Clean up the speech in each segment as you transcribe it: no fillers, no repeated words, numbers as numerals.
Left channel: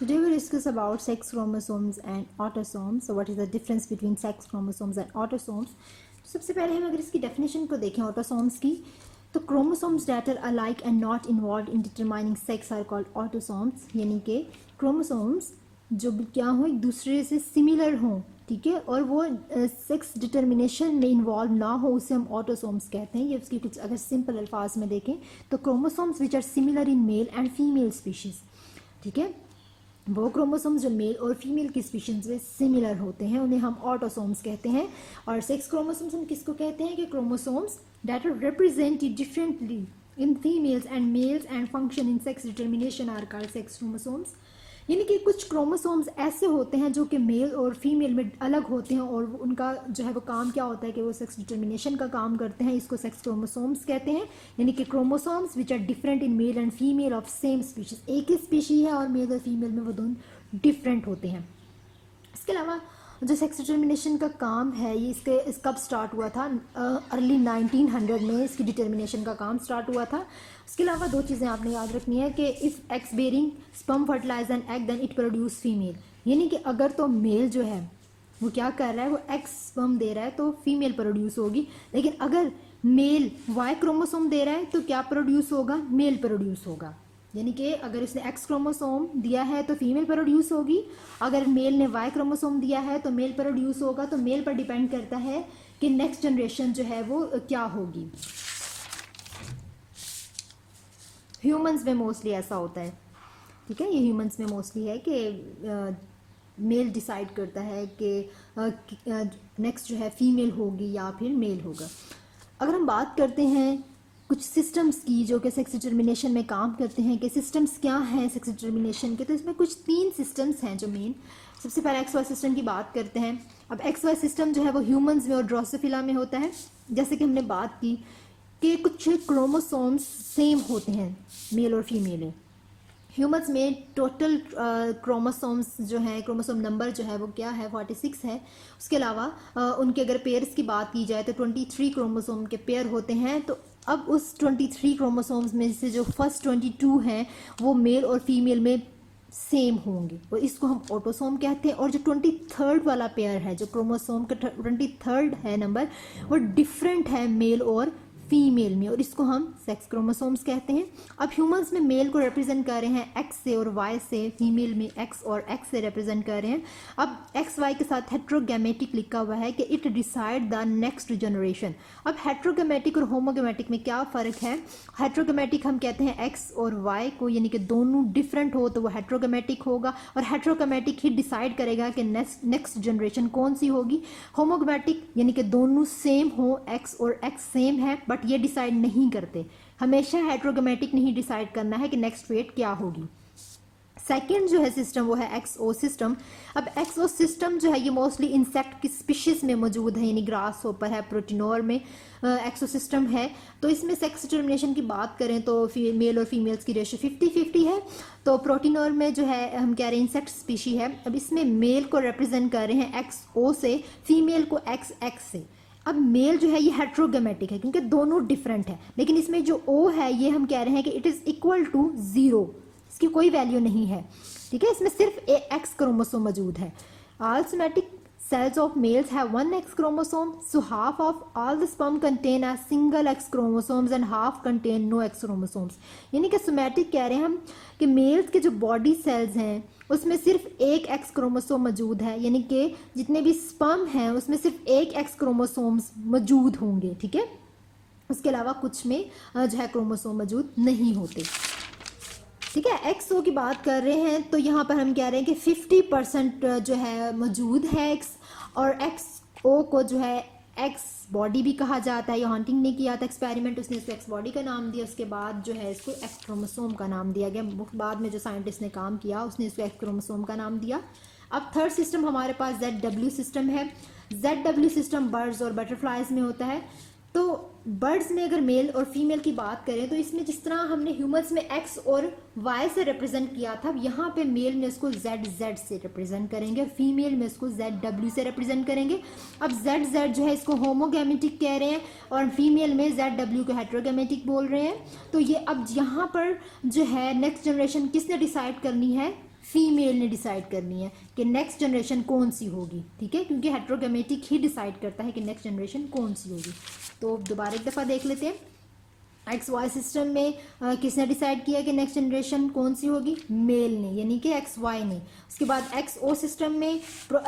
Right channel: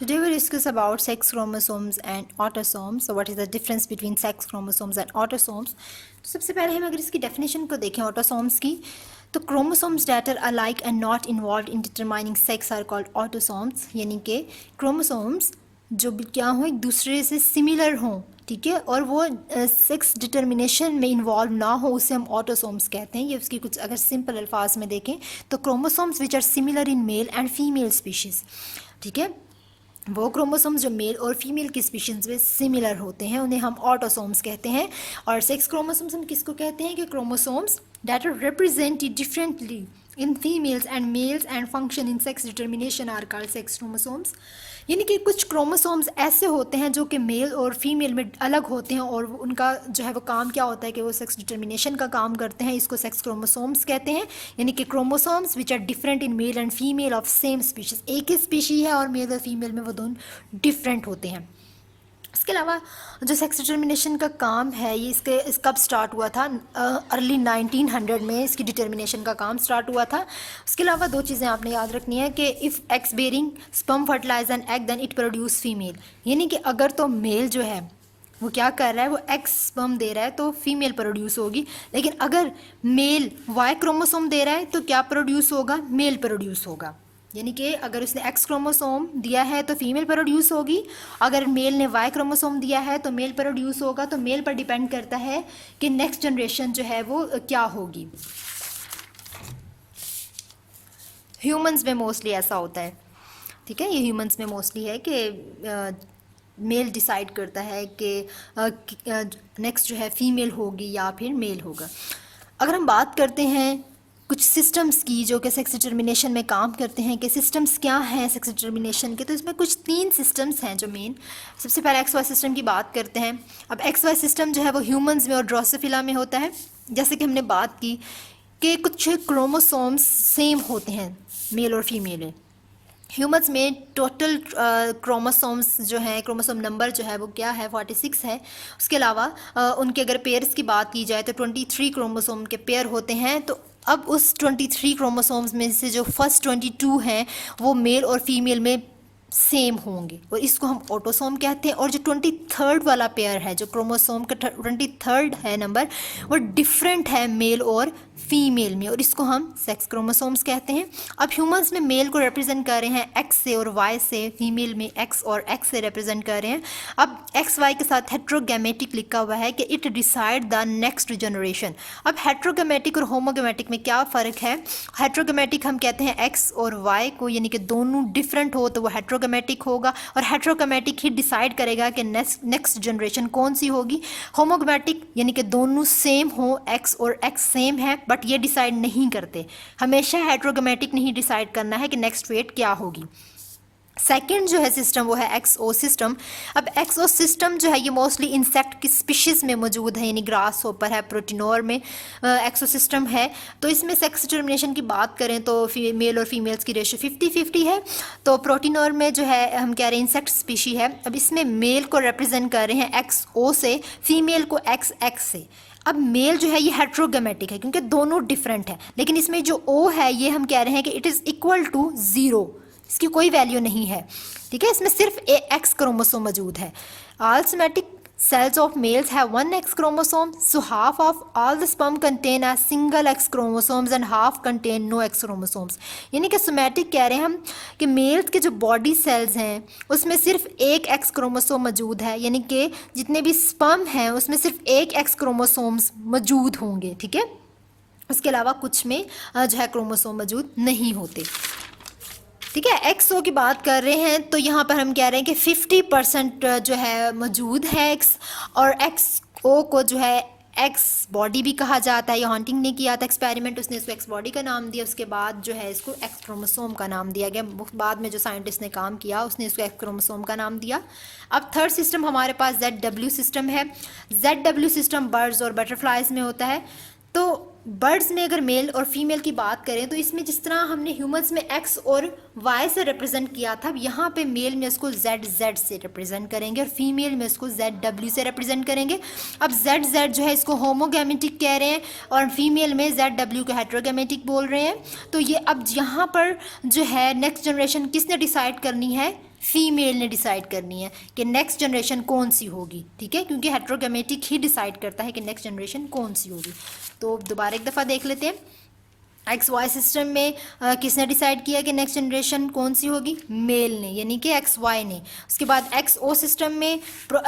Today we'll discuss about sex chromosomes and autosomes. So what is the difference between sex chromosomes and autosomes? तो सबसे पहले हम अगर इसकी डेफिनेशन को देखें ऑटोसोम्स की, तो chromosomes that are alike and not involve in determining sex are called autosomes. यानी कि क्रोमोसोम्स जो भी क्या हों, एक दूसरे से सिमिलर हों, ठीक है, और वो सेक्स डिटर्मिनेशन में इन्वॉल्व ना हो, उसे हम ऑटोसोम्स कहते हैं. ये उसकी कुछ अगर सिंपल अल्फाज में देखें तो chromosomes which are similar in male and female species, ठीक है, वो क्रोमोसोम्स जो मेल और फीमेल की स्पीशीज़ में सिमिलर होते हैं उन्हें हम ऑटोसोम्स कहते हैं. और सेक्स क्रोमोसोम्स हम किसको कहते हैं कि chromosomes that are represented differently in females and males and function in sex determination are called sex chromosomes. यानी कि कुछ क्रोमोसोम्स ऐसे होते हैं जो कि मेल और फीमेल में अलग होते हैं और उनका जो है वो काम क्या होता है कि वो सेक्स डिटर्मिनेशन का काम करते हैं. इसको सेक्स क्रोमोसोम्स कहते हैं. यानी कि chromosomes which are different in male and female of same species. एक ही स्पीशी है और मेल और फीमेल में वो दोनों डिफरेंट होते हैं. इसके अलावा जो सेक्स डिटर्मिनेशन का काम है ये इस कब स्टार्ट हुआ था? अर्ली 1900 में इसकी डिटर्मिनेशन का काम स्टार्ट हुआ था. उसके अलावा दो चीज़ें आपने याद रखनी है कि if X bearing sperm fertilize an egg then it produce female. यानी कि अगर तो मेल जो है वो क्या कर रहा है, वो एक्स स्पर्म दे रहा है तो फीमेल प्रोड्यूस होगी. लेकिन अगर मेल वाई क्रोमोसोम दे रहा है तो क्या प्रोड्यूस होगा? मेल प्रोड्यूस होगा. यानी कि अगर उसने एक्स क्रोमोसोम दिया है तो फीमेल प्रोड्यूस होगी, अगर मेल ने वाई क्रोमोसोम दिया है तो मेल प्रोड्यूस होगा. तो मेल पर डिपेंड करता है कि नेक्स्ट जनरेशन जो है वो क्या होगी. ह्यूमंस में मोस्टली ऐसा होता है, ठीक है, ये ह्यूमंस में मोस्टली है कि मेल डिसाइड करता है कि नेक्स्ट जो है फीमेल होगी या फिर मेल होगा. अगर हम बात करते हैं कुछ सिस्टम्स की जो कि सेक्स डिटर्मिनेशन में काम करते हैं कि सिस्टम्स क्या हैं सेक्स डिटर्मिनेशन के, तो इसमें कुछ 3 सिस्टम्स हैं जो मेन. सबसे पहले एक्स वाई सिस्टम की बात करते हैं. अब एक्स वाई सिस्टम जो है वो ह्यूमंस में और ड्रोसोफिला में होता है. जैसे कि हमने बात की कि कुछ क्रोमोसोम्स सेम होते हैं मेल और फीमेल में. ह्यूमंस में टोटल क्रोमोसोम्स जो हैं, क्रोमोसोम नंबर जो है वो क्या है? 46 है. उसके अलावा उनके अगर पेयर्स की बात की जाए तो 23 क्रोमोसोम के पेयर होते हैं. तो अब उस 23 क्रोमोसोम्स में से जो फर्स्ट 22 हैं वो मेल और फीमेल में सेम होंगे और इसको हम ऑटोसोम कहते हैं. और जो 23rd वाला पेयर है, जो क्रोमोसोम का 23rd है नंबर, वो डिफरेंट है मेल और फीमेल में और इसको हम सेक्स क्रोमोसोम्स कहते हैं. अब ह्यूमंस में मेल को रिप्रेजेंट कर रहे हैं एक्स से और वाई से, फीमेल में एक्स और एक्स से रिप्रेजेंट कर रहे हैं. अब एक्स वाई के साथ हेट्रोगैमेटिक लिखा हुआ है कि it decide the next generation. अब हेट्रोगैमेटिक और होमोगैमेटिक में क्या फ़र्क है? हेट्रोगैमेटिक हम कहते हैं एक्स और वाई को, यानी कि दोनों डिफरेंट हो तो वो हेट्रोगैमेटिक होगा और हेट्रोगैमेटिक ही डिसाइड करेगा कि नेक्स्ट जनरेशन कौन सी होगी. होमोगैमेटिक यानी कि दोनों सेम हो, एक्स और एक्स सेम है, बट ये डिसाइड नहीं करते. हमेशा हेट्रोगैमेटिक नहीं डिसाइड करना है कि नेक्स्ट वेट क्या होगी. सेकेंड जो है सिस्टम वो है एक्सओ सिस्टम. अब एक्सओ सिस्टम जो है ये मोस्टली इंसेक्ट की स्पीशीज़ में मौजूद है, यानी ग्रास होपर है, प्रोटीनोर में एक्सओ सिस्टम है. तो इसमें सेक्स डिटर्मिनेशन की बात करें तो मेल और फीमेल्स की रेशियो 50-50 है. तो प्रोटीनोर में जो है हम कह रहे हैं इंसेक्ट स्पीशी है. अब इसमें मेल को रिप्रेजेंट कर रहे हैं एक्सओ से, फीमेल को एक्स एक्स से. अब मेल जो है ये हेट्रोगैमेटिक है क्योंकि दोनों डिफरेंट है, लेकिन इसमें जो ओ है ये हम कह रहे हैं कि इट इज़ इक्वल टू 0, इसकी कोई वैल्यू नहीं है, ठीक है. इसमें सिर्फ एक्स क्रोमोसोम मौजूद है. All somatic cells of males have one X chromosome, so half of all the sperm contain a single X chromosomes and half contain no X chromosomes. यानी कि सोमैटिक कह रहे हैं हम कि मेल्स के जो बॉडी सेल्स हैं उसमें सिर्फ एक X क्रोमोसोम मौजूद है, यानी कि जितने भी स्पर्म हैं उसमें सिर्फ एक X क्रोमोसोम्स मौजूद होंगे, ठीक है. उसके अलावा कुछ में जो है क्रोमोसोम मौजूद नहीं होते, ठीक है. एक्सओ की बात कर रहे हैं तो यहाँ पर हम कह रहे हैं कि 50% जो है मौजूद है एक्स, और एक्सओ को जो है एक्स बॉडी भी कहा जाता है. ये हॉन्टिंग ने किया था एक्सपेरिमेंट, उसने इसको एक्स बॉडी का नाम दिया, उसके बाद जो है इसको एक्स क्रोमोसोम का नाम दिया गया. बाद में जो साइंटिस्ट ने काम किया उसने इसको एक्स क्रोमोसोम का नाम दिया. अब थर्ड सिस्टम हमारे पास ZW सिस्टम है. ZW सिस्टम बर्ड्स और बटरफ्लाइज में होता है. तो बर्ड्स में अगर मेल और फीमेल की बात करें तो इसमें जिस तरह हमने ह्यूमंस में एक्स और वाई से रिप्रेजेंट किया था, यहाँ पे मेल में इसको ZZ से रिप्रेजेंट करेंगे और फीमेल में इसको ZW से रिप्रेजेंट करेंगे. अब ZZ जो है इसको होमोगैमेटिक कह रहे हैं और फीमेल में ZW को हेट्रोगैमेटिक बोल रहे हैं. तो ये अब यहाँ पर जो है नेक्स्ट जनरेशन किसने डिसाइड करनी है? फीमेल ने डिसाइड करनी है कि नेक्स्ट जनरेशन कौन सी होगी, ठीक है, क्योंकि हेट्रोगेमेटिक ही डिसाइड करता है कि नेक्स्ट जनरेशन कौन सी होगी। तो दोबारा एक दफ़ा देख लेते हैं। एक्स वाई सिस्टम में किसने डिसाइड किया कि नेक्स्ट जनरेशन कौन सी होगी? मेल ने, यानी कि एक्स वाई ने। उसके बाद एक्स ओ सिस्टम में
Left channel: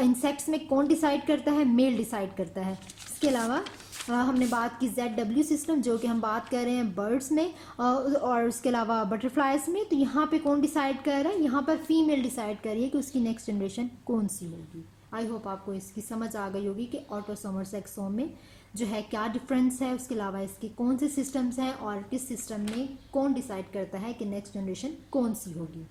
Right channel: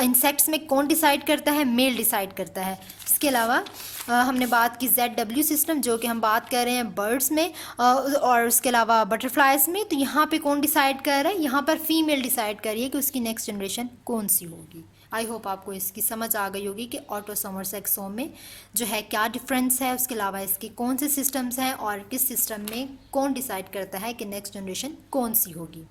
इंसेक्ट्स में कौन डिसाइड करता है? मेल डिसाइड करता है। इसके अलावा हमने बात की जेड डब्ल्यू सिस्टम, जो कि हम बात कर रहे हैं बर्ड्स में, और उसके अलावा बटरफ्लाइज में। तो यहाँ पे कौन डिसाइड कर रहा है? यहाँ पर फीमेल डिसाइड कर रही है कि उसकी नेक्स्ट जनरेशन कौन सी होगी। आई होप आपको इसकी समझ आ गई होगी कि ऑटोसोम और सेक्सोम में जो है क्या डिफरेंस है, उसके अलावा इसके कौन से सिस्टम्स हैं और किस सिस्टम में कौन डिसाइड करता है कि नेक्स्ट जनरेशन कौन सी होगी।